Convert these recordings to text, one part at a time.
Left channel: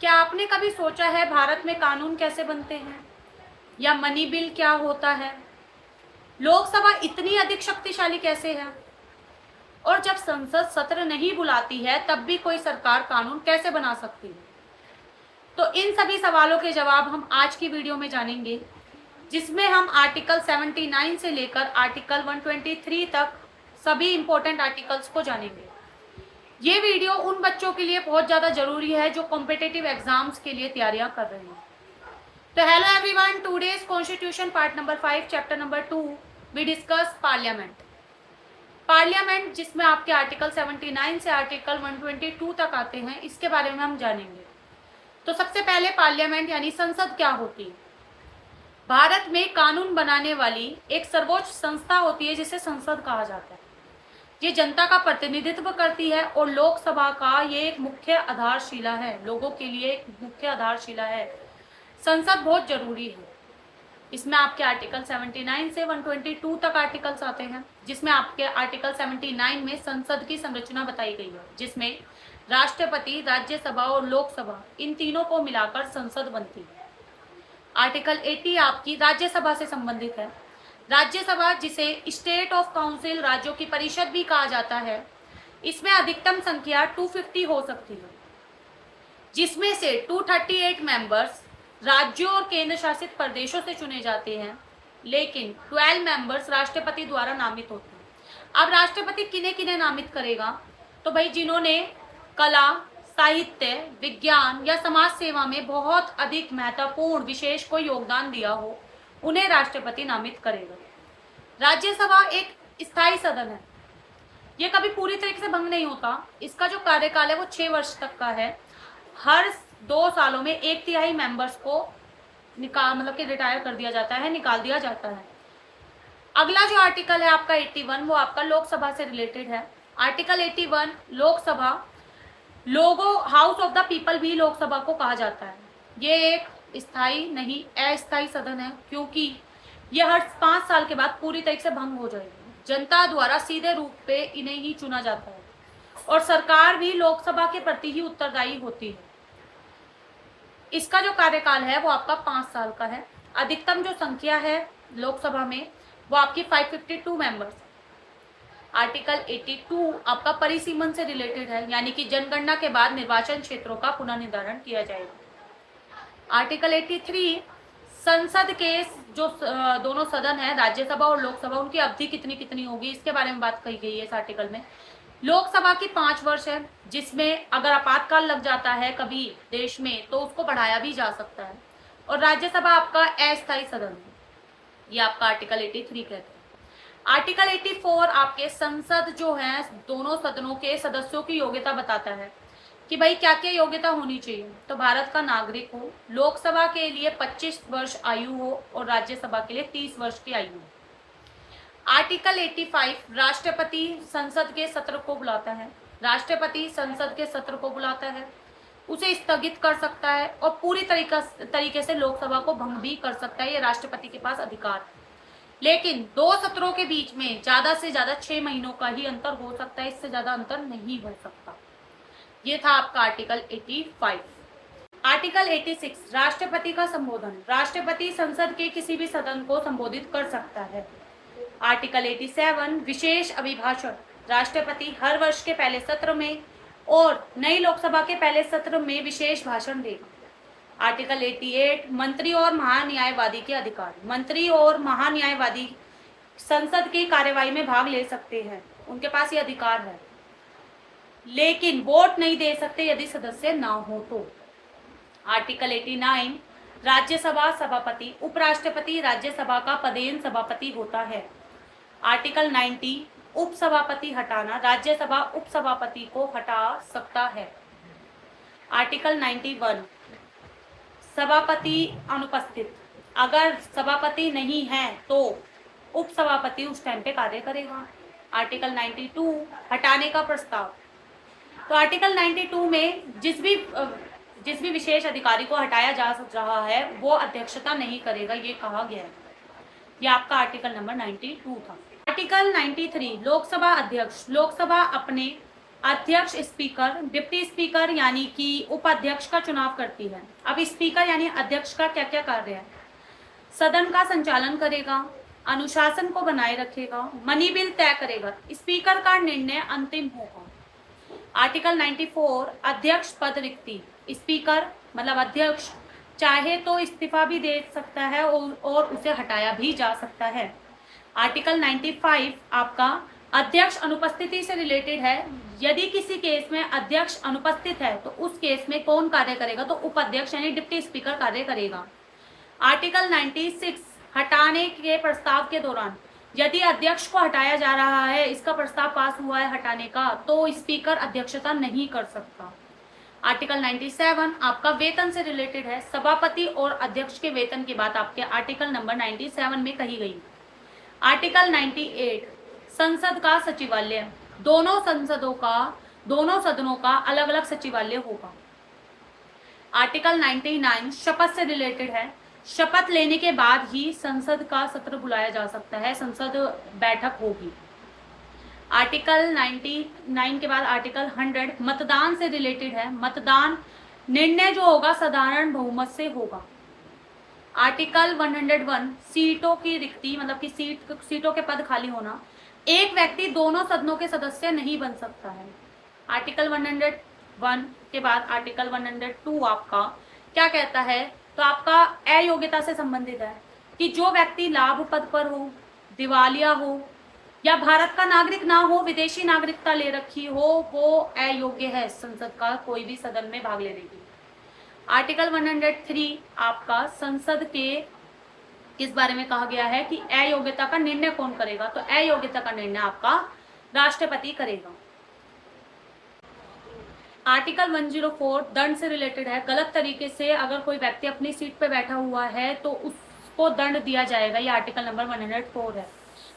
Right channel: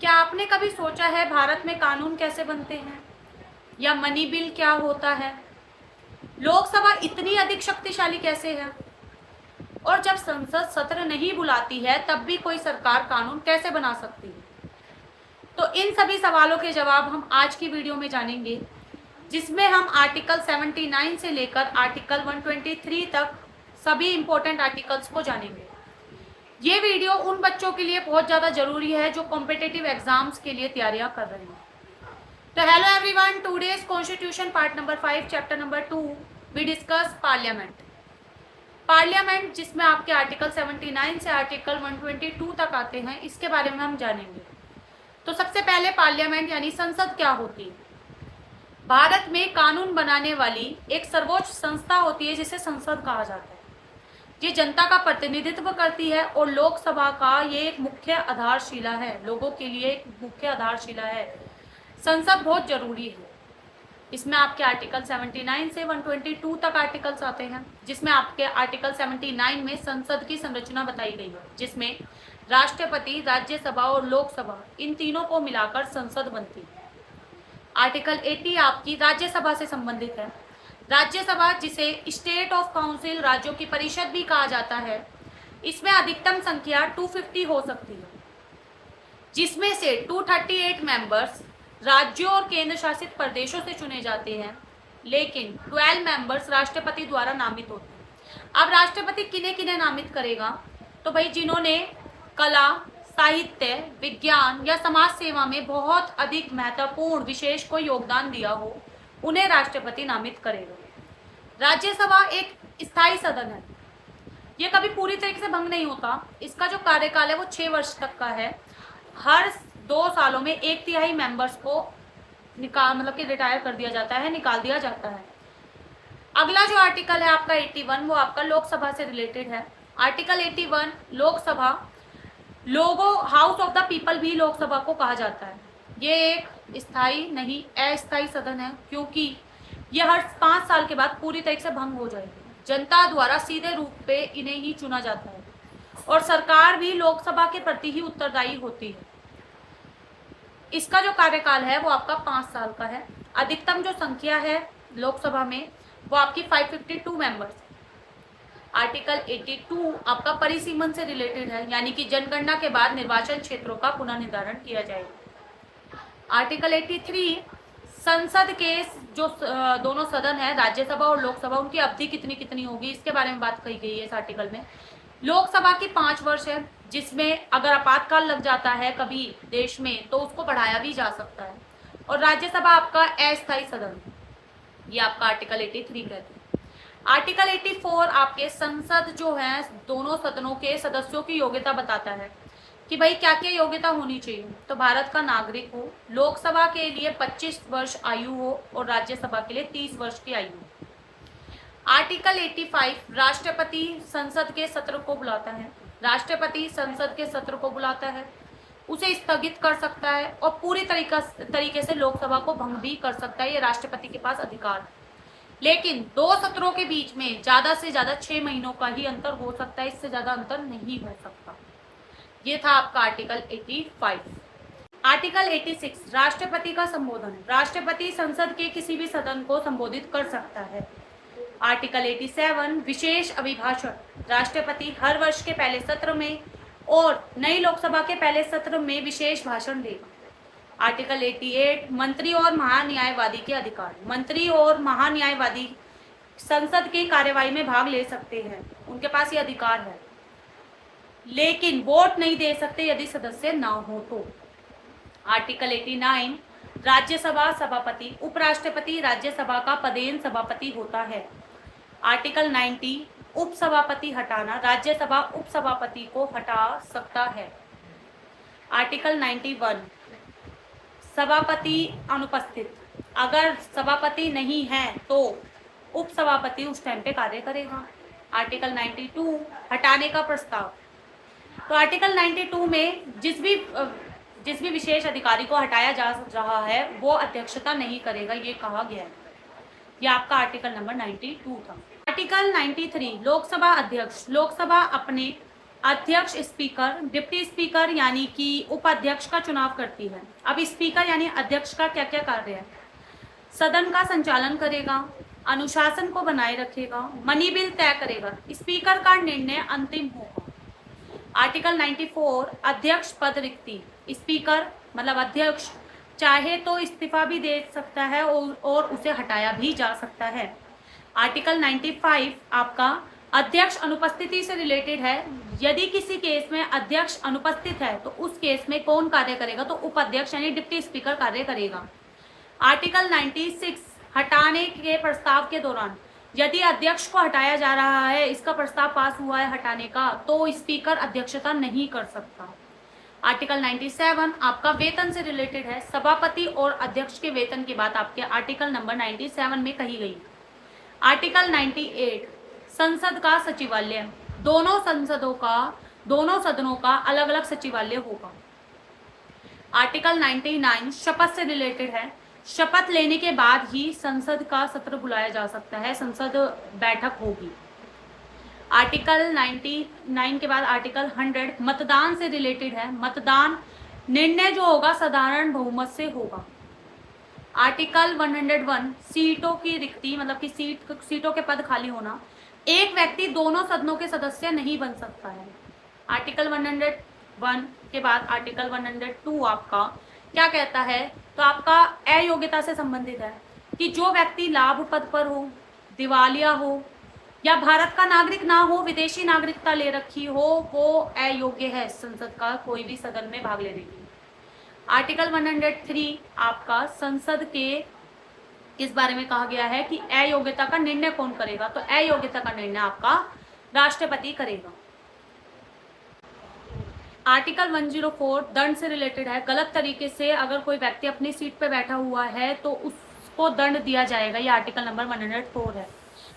क्या आपने कभी सोचा है भारत में कानून कैसे बनते हैं या मनी बिल क्या होता है? लोकसभा इतनी अधिक शक्तिशाली कैसे है? और जब संसद सत्र नहीं बुलाती है तब भी कोई सरकार कानून कैसे बना सकती है? तो इन सभी सवालों के जवाब हम आज की वीडियो में जानेंगे, जिसमें हम आर्टिकल 79 से लेकर आर्टिकल 123 तक सभी इंपॉर्टेंट आर्टिकल्स को जानेंगे। ये वीडियो उन बच्चों के लिए बहुत ज़्यादा जरूरी है जो कॉम्पिटिटिव एग्जाम्स के लिए तैयारियां कर रहे हैं। तो hello everyone, today's constitution part number 5 chapter number 2 we discuss parliament. Parliament जिसमें आपके आर्टिकल 79 से आर्टिकल 122 तक आते हैं, इसके बारे में हम जानेंगे। तो सबसे पहले पार्लियामेंट यानी संसद क्या होती है। भारत में कानून बनाने वाली एक सर्वोच्च संस्था होती है जिसे संसद कहा जाता है। ये जनता का प्रतिनिधित्व करती है और लोकसभा का ये एक मुख्य आधारशिला है, लोगों के लिए एक मुख्य आधारशिला है। संसद बहुत जरूरी है। इसमें आपके आर्टिकल 79 से 122 तक आर्टिकल्स आते हैं, जिसमें आपके आर्टिकल 79 में संसद की संरचना बताई गई है, जिसमें राष्ट्रपति, राज्यसभा और लोकसभा इन तीनों को मिलाकर संसद बनती है। आर्टिकल 80 आपकी राज्यसभा से संबंधित है। राज्यसभा, जिसे स्टेट ऑफ काउंसिल, राज्यों की परिषद भी कहा जाता है, इसमें अधिकतम संख्या 250 हो सकती है, जिसमें से 238 मेंबर्स राज्यों और केंद्र शासित प्रदेशों से चुने जाते हैं, लेकिन 12 मेंबर्स राष्ट्रपति द्वारा नामित होते हैं। अब राष्ट्रपति किन्हें किन्हें नामित करेगा? तो भाई जिन्होंने कला, साहित्य, विज्ञान या समाज सेवा में बहुत अधिक महत्वपूर्ण विशेष को योगदान दिया हो, उन्हें राष्ट्रपति नामित करेगा। राज्यसभा एक स्थायी सदन है, ये कभी पूरी तरीके से भंग नहीं होता। इसका जो कार्यकाल है वो 6 वर्ष तक का है। हर 2 सालों में 1/3 मेंबर्स को मतलब कि रिटायर कर दिया जाता है, निकाल दिया जाता है। अगला जो आर्टिकल है आपका 81, वो आपका लोकसभा से रिलेटेड है। आर्टिकल 81 लोकसभा, लोगों हाउस ऑफ द पीपल भी लोकसभा को कहा जाता है। ये एक स्थायी नहीं अस्थायी सदन है, क्योंकि यह हर 5 साल के बाद पूरी तरीके से भंग हो जाएगी। जनता द्वारा सीधे रूप पे इन्हें ही चुना जाता है और सरकार भी लोकसभा के प्रति ही उत्तरदायी होती है। इसका जो कार्यकाल है वो आपका 5 साल का है। अधिकतम जो संख्या है लोकसभा में वो आपकी 552 मेंबर्स। आर्टिकल 82 आपका परिसीमन से रिलेटेड है, यानी कि जनगणना के बाद निर्वाचन क्षेत्रों का पुनर्निर्धारण किया जाएगा। आर्टिकल 83 संसद के जो दोनों सदन है, राज्यसभा और लोकसभा, उनकी अवधि कितनी कितनी होगी, इसके बारे में बात कही गई है इस आर्टिकल में। लोकसभा की 5 वर्ष है, जिसमें अगर आपातकाल लग जाता है कभी देश में तो उसको बढ़ाया भी जा सकता है। और राज्यसभा आपका अस्थायी सदन है, ये आपका आर्टिकल 83 कहते हैं। आर्टिकल 84 आपके संसद जो है, दोनों सदनों के सदस्यों की योग्यता बताता है कि भाई क्या क्या योग्यता होनी चाहिए। तो भारत का नागरिक हो, लोकसभा के लिए 25 वर्ष आयु हो और राज्यसभा के लिए 30 वर्ष की आयु हो। आर्टिकल 85 राष्ट्रपति संसद के सत्र को बुलाता है। राष्ट्रपति संसद के सत्र को बुलाता है, उसे स्थगित कर सकता है और पूरी तरीके से लोकसभा को भंग भी कर सकता है। ये राष्ट्रपति के पास अधिकार है। लेकिन 2 सत्रों के बीच में ज्यादा से ज्यादा 6 महीनों का ही अंतर हो सकता है, इससे ज्यादा अंतर नहीं हो सकता। ये था आपका आर्टिकल 85। आर्टिकल 86 राष्ट्रपति का संबोधन। राष्ट्रपति संसद के किसी भी सदन को संबोधित कर सकता है। आर्टिकल 87 विशेष अभिभाषण। राष्ट्रपति हर वर्ष के पहले सत्र में और नई लोकसभा के पहले सत्र में विशेष भाषण देगा। आर्टिकल 88 मंत्री और महान्यायवादी के अधिकार। मंत्री और महान्यायवादी संसद की कार्यवाही में भाग ले सकते हैं, उनके पास ये अधिकार है, लेकिन वोट नहीं दे सकते यदि सदस्य ना हो तो। आर्टिकल 89 राज्यसभा सभापति, उपराष्ट्रपति राज्यसभा का पदेन सभापति होता है। आर्टिकल 90 उपसभापति हटाना। राज्यसभा उपसभापति को हटा सकता है। आर्टिकल 91 सभापति अनुपस्थित। अगर सभापति नहीं है तो उपसभापति उस टाइम पे कार्य करेगा। आर्टिकल 92 हटाने का प्रस्ताव। तो आर्टिकल 92 में जिस भी विशेष अधिकारी को हटाया जा रहा है वो अध्यक्षता नहीं करेगा, ये कहा गया है। ये आपका आर्टिकल नंबर 92 था। आर्टिकल 93 लोकसभा अध्यक्ष। लोकसभा अपने अध्यक्ष स्पीकर, डिप्टी स्पीकर यानी कि उपाध्यक्ष का चुनाव करती है। अब स्पीकर यानी अध्यक्ष का क्या क्या कार्य है? सदन का संचालन करेगा, अनुशासन को बनाए रखेगा, मनी बिल तय करेगा, स्पीकर का निर्णय अंतिम होगा। आर्टिकल 94 अध्यक्ष पद रिक्ति, स्पीकर मतलब अध्यक्ष चाहे तो इस्तीफा भी दे सकता है और उसे हटाया भी जा सकता है। आर्टिकल 95 आपका अध्यक्ष अनुपस्थिति से रिलेटेड है। यदि किसी केस में अध्यक्ष अनुपस्थित है तो उस केस में कौन कार्य करेगा? तो उपाध्यक्ष यानी डिप्टी स्पीकर कार्य करेगा। आर्टिकल 96 हटाने के प्रस्ताव के दौरान यदि अध्यक्ष को हटाया जा रहा है, इसका प्रस्ताव पास हुआ है हटाने का, तो स्पीकर अध्यक्षता नहीं कर सकता। आर्टिकल 97 आपका वेतन से रिलेटेड है। सभापति और अध्यक्ष के वेतन की बात आपके आर्टिकल नंबर 97 में कही गई। आर्टिकल 98 संसद का सचिवालय, दोनों सदनों का अलग अलग सचिवालय होगा। आर्टिकल 99 शपथ से रिलेटेड है। शपथ लेने के बाद ही संसद का सत्र बुलाया जा सकता है, संसद बैठक होगी। आर्टिकल 99 के बाद आर्टिकल 100 मतदान से रिलेटेड है। मतदान निर्णय जो होगा साधारण बहुमत से होगा। आर्टिकल 101 सीटों की रिक्ति मतलब कि सीटों के पद खाली होना। एक व्यक्ति दोनों सदनों के सदस्य नहीं बन सकता है। आर्टिकल 101 के बाद आर्टिकल 102 आपका क्या कहता है? तो आपका अयोग्यता से संबंधित है कि जो व्यक्ति लाभ पद पर हो, दिवालिया हो या भारत का नागरिक ना हो, विदेशी नागरिकता ले रखी हो, वो अयोग्य है संसद का कोई भी सदन में भाग लेने के लिए। आर्टिकल 103 आपका संसद के किस बारे में कहा गया है कि अयोग्यता का निर्णय कौन करेगा? तो अयोग्यता का निर्णय आपका राष्ट्रपति करेगा। आर्टिकल 104 दंड से रिलेटेड है। गलत तरीके से अगर कोई व्यक्ति अपनी सीट पर बैठा हुआ है तो उसको दंड दिया जाएगा। ये आर्टिकल नंबर 104 है।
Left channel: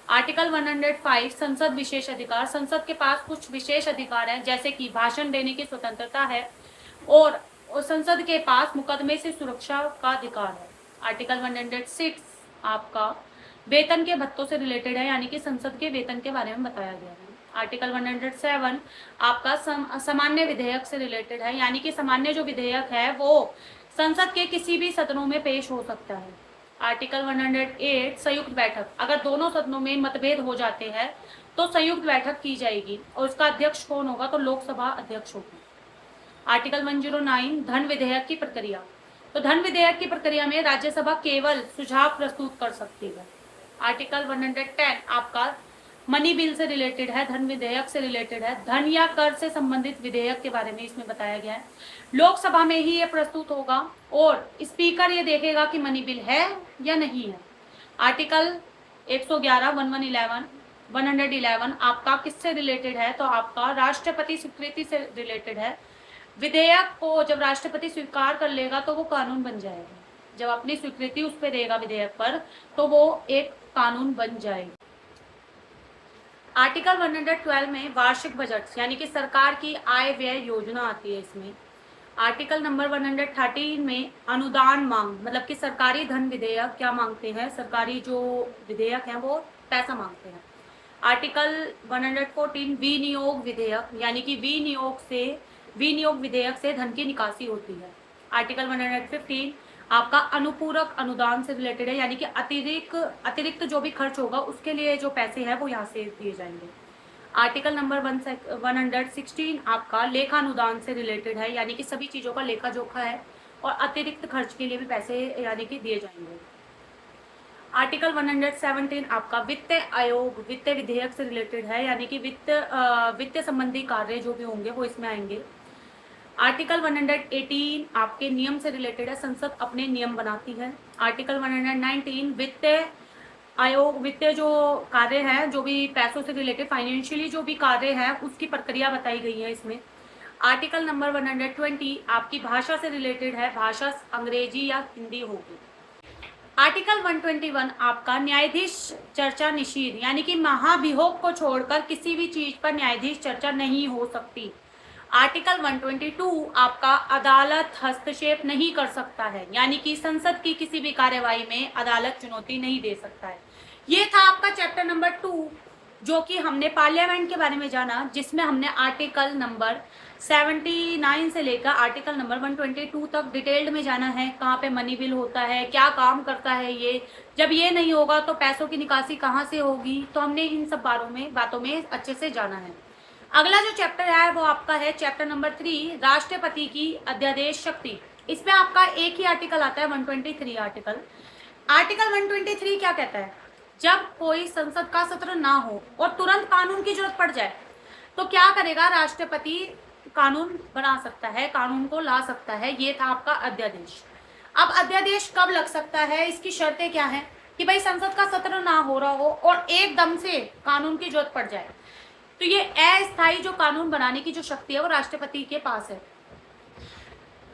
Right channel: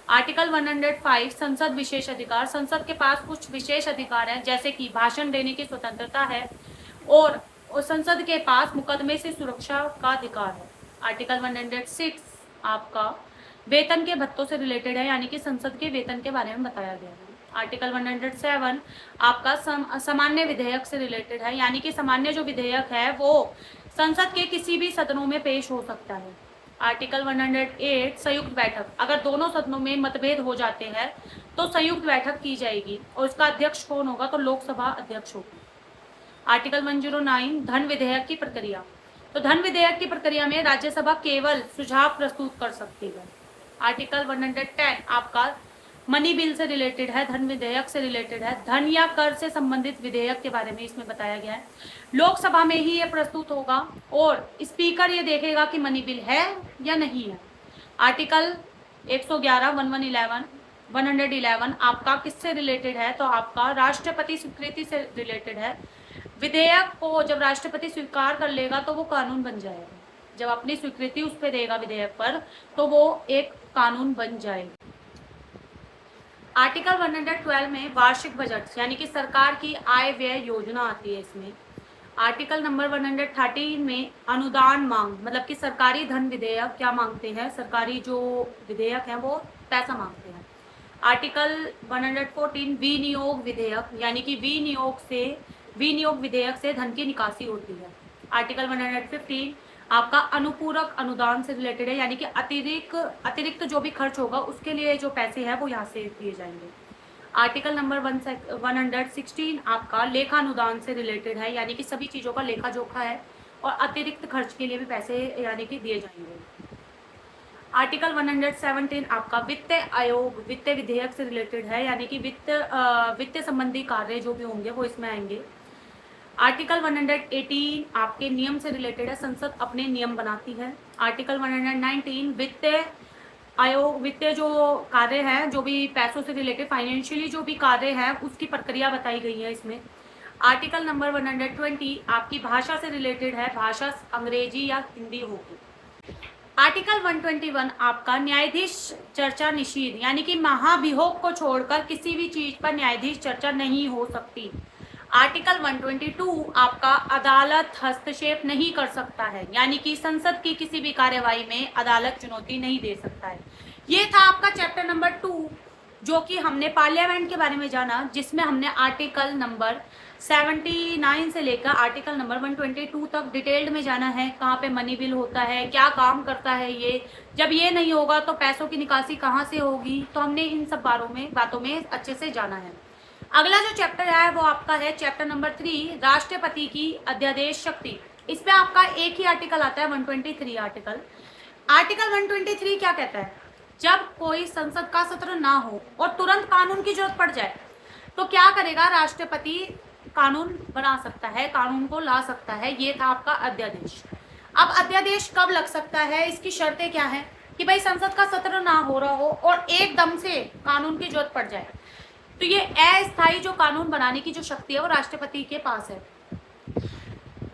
आर्टिकल 105 संसद विशेष अधिकार, संसद के पास कुछ विशेष अधिकार है जैसे कि भाषण देने की स्वतंत्रता है और संसद के पास मुकदमे से सुरक्षा का अधिकार है। आर्टिकल 106 आपका वेतन के भत्तों से रिलेटेड है यानी कि संसद के वेतन के बारे में बताया गया है। आर्टिकल 107 आपका सामान्य विधेयक से रिलेटेड है यानी कि सामान्य जो विधेयक है वो संसद के किसी भी सदनों में पेश हो सकता है। आर्टिकल 108 संयुक्त बैठक, अगर दोनों सदनों में मतभेद हो जाते हैं तो संयुक्त बैठक की जाएगी और उसका अध्यक्ष कौन होगा? तो लोकसभा अध्यक्ष होगा। आर्टिकल 109 धन विधेयक की प्रक्रिया, तो धन विधेयक की प्रक्रिया में राज्यसभा केवल सुझाव प्रस्तुत कर सकती है। आर्टिकल 110 आपका मनी बिल से रिलेटेड है, धन विधेयक से रिलेटेड है। धन या कर से संबंधित विधेयक के बारे में इसमें बताया गया है। लोकसभा में ही ये प्रस्तुत होगा और स्पीकर ये देखेगा कि मनी बिल है या नहीं है। आर्टिकल 111 111 आपका किससे रिलेटेड है? तो आपका राष्ट्रपति स्वीकृति से रिलेटेड है। विधेयक को जब राष्ट्रपति स्वीकार कर लेगा तो वो कानून बन जाएगा। जब अपनी स्वीकृति उस पर देगा विधेयक पर तो वो एक कानून बन जाएगा। आर्टिकल 112 में वार्षिक बजट यानी कि सरकार की आय व्यय योजना आती है इसमें। आर्टिकल नंबर 113 में अनुदान मांग मतलब कि सरकारी धन विधेयक क्या मांगते हैं? सरकारी जो विधेयक हैं वो पैसा मांगते हैं। आर्टिकल 114 विनियोग विधेयक यानी कि विनियोग विधेयक से धन की निकासी होती है। आर्टिकल 115 आपका अनुपूरक अनुदान से रिलेटेड है यानी कि अतिरिक्त जो भी खर्च होगा उसके लिए जो पैसे हैं वो यहाँ से दिए जाएंगे। आर्टिकल नंबर 116 आपका लेखा अनुदान से रिलेटेड है यानी कि सभी चीज़ों का लेखा जोखा है और अतिरिक्त खर्च के लिए भी पैसे यानी कि दिए जाएंगे। आर्टिकल 117 आपका वित्त आयोग वित्त विधेयक से रिलेटेड है यानी कि वित्त संबंधी कार्य जो भी होंगे वो इसमें आएंगे। आर्टिकल 118 आपके नियम से रिलेटेड है, संसद अपने नियम बनाती है। आर्टिकल 119 वित्त आयोग वित्त जो कार्य है जो भी पैसों से रिलेटेड फाइनेंशियली जो भी कार्य है उसकी प्रक्रिया बताई गई है इसमें। आर्टिकल नंबर 120 आपकी भाषा से रिलेटेड है, भाषा अंग्रेजी या हिंदी होगी। आर्टिकल 121 आपका न्यायाधीश चर्चा निषेध यानी कि महाभियोग को छोड़कर किसी भी चीज पर न्यायाधीश चर्चा नहीं हो सकती। आर्टिकल 122 आपका अदालत हस्तक्षेप नहीं कर सकता है यानी कि संसद की किसी भी कार्यवाही में अदालत चुनौती नहीं दे सकता है। ये था आपका चैप्टर नंबर 2 जो कि हमने पार्लियामेंट के बारे में जाना, जिसमें हमने आर्टिकल नंबर 79 से लेकर आर्टिकल नंबर 122 तक डिटेल्ड में जाना है। कहाँ पे मनी बिल होता है, क्या काम करता है ये, जब ये नहीं होगा तो पैसों की निकासी कहाँ से होगी, तो हमने इन सब बातों में अच्छे से जाना है। अगला जो चैप्टर है वो आपका है चैप्टर नंबर 3, राष्ट्रपति की अध्यादेश शक्ति। इसमें आपका एक ही आर्टिकल आता है 123 आर्टिकल 123 क्या कहता है, जब कोई संसद का सत्र ना हो और तुरंत कानून की जरूरत पड़ जाए तो क्या करेगा, राष्ट्रपति कानून बना सकता है, कानून को ला सकता है। ये था आपका अध्यादेश। अब अध्यादेश कब लग सकता है, इसकी शर्तें क्या है कि भाई संसद का सत्र ना हो रहा हो और एकदम से कानून की जरूरत पड़ जाए, तो ये अस्थायी जो कानून बनाने की जो शक्ति है वो राष्ट्रपति के पास है।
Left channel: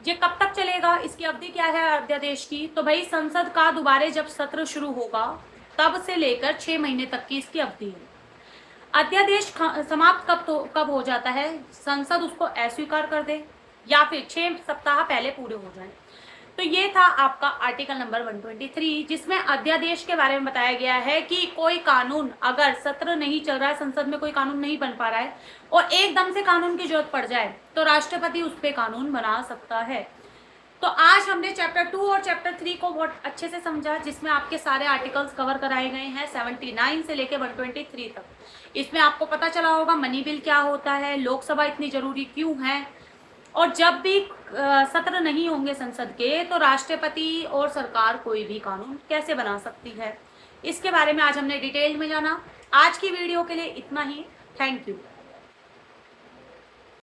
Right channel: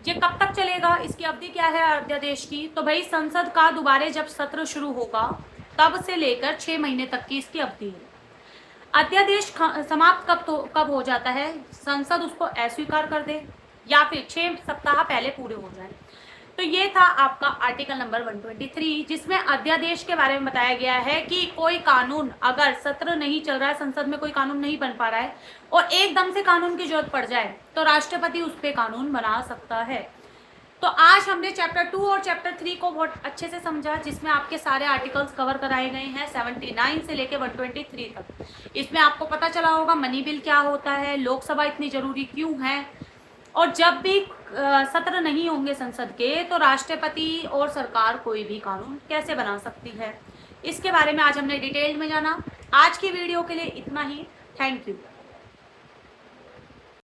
ये कब तक चलेगा, इसकी अवधि क्या है अध्यादेश की, तो भाई संसद का दोबारा जब सत्र शुरू होगा तब से लेकर 6 महीने तक की इसकी अवधि है। अध्यादेश समाप्त कब हो जाता है, संसद उसको अस्वीकार कर दे या फिर 6 सप्ताह पहले पूरे हो जाए। तो ये था आपका आर्टिकल नंबर 123, जिसमें अध्यादेश के बारे में बताया गया है कि कोई कानून अगर सत्र नहीं चल रहा है, संसद में कोई कानून नहीं बन पा रहा है और एकदम से कानून की जरूरत पड़ जाए तो राष्ट्रपति उस पर कानून बना सकता है। तो आज हमने चैप्टर 2 और चैप्टर 3 को बहुत अच्छे से समझा, जिसमें आपके सारे आर्टिकल्स कवर कराए गए हैं 79 से लेके 123 तक। इसमें आपको पता चला होगा मनी बिल क्या होता है, लोकसभा इतनी जरूरी क्यों है, और जब भी सत्र नहीं होंगे संसद के तो राष्ट्रपति और सरकार कोई भी कानून कैसे बना सकती है, इसके बारे में आज हमने डिटेल में जाना। आज की वीडियो के लिए इतना ही। Thank you.